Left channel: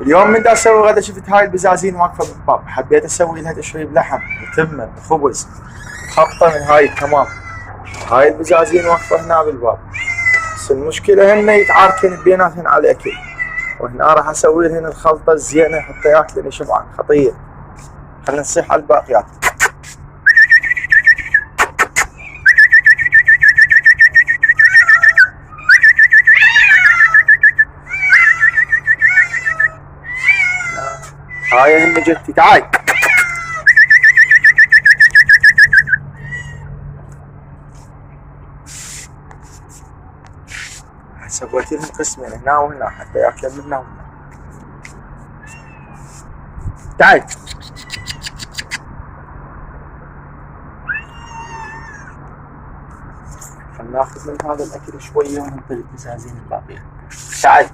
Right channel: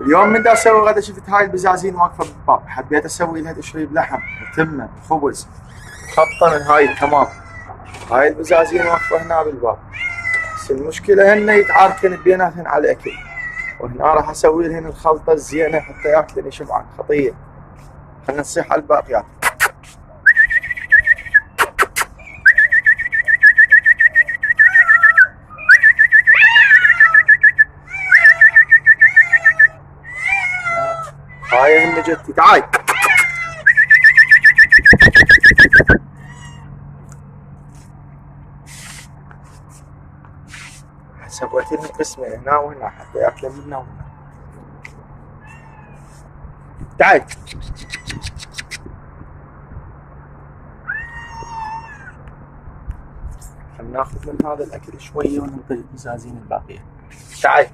اليوم من دا اسوي غدا شفت هاي البزازين واقفه بالباب، حبيت اسوي لها تشريب لحم وتمه وخبز خبطه من هاي التمام. هاي البزازين واقفه هنا بالباب، بس المشكله هن يتعاركن بيناتهن على الاكل، وهنا راح اسوي لهن الخلطه الزينه حتى ياكلن يشبعن خطيه. خلينا نصيح على الباقيات. هاي هم جتي تعاي. سويت لهم قسمين هنا وهنا حتى ياكلن من هنا وهنا. تعال. خلنا ناخذ من هذا الاكل شويه وننطي البزازين الباقيه. تعال.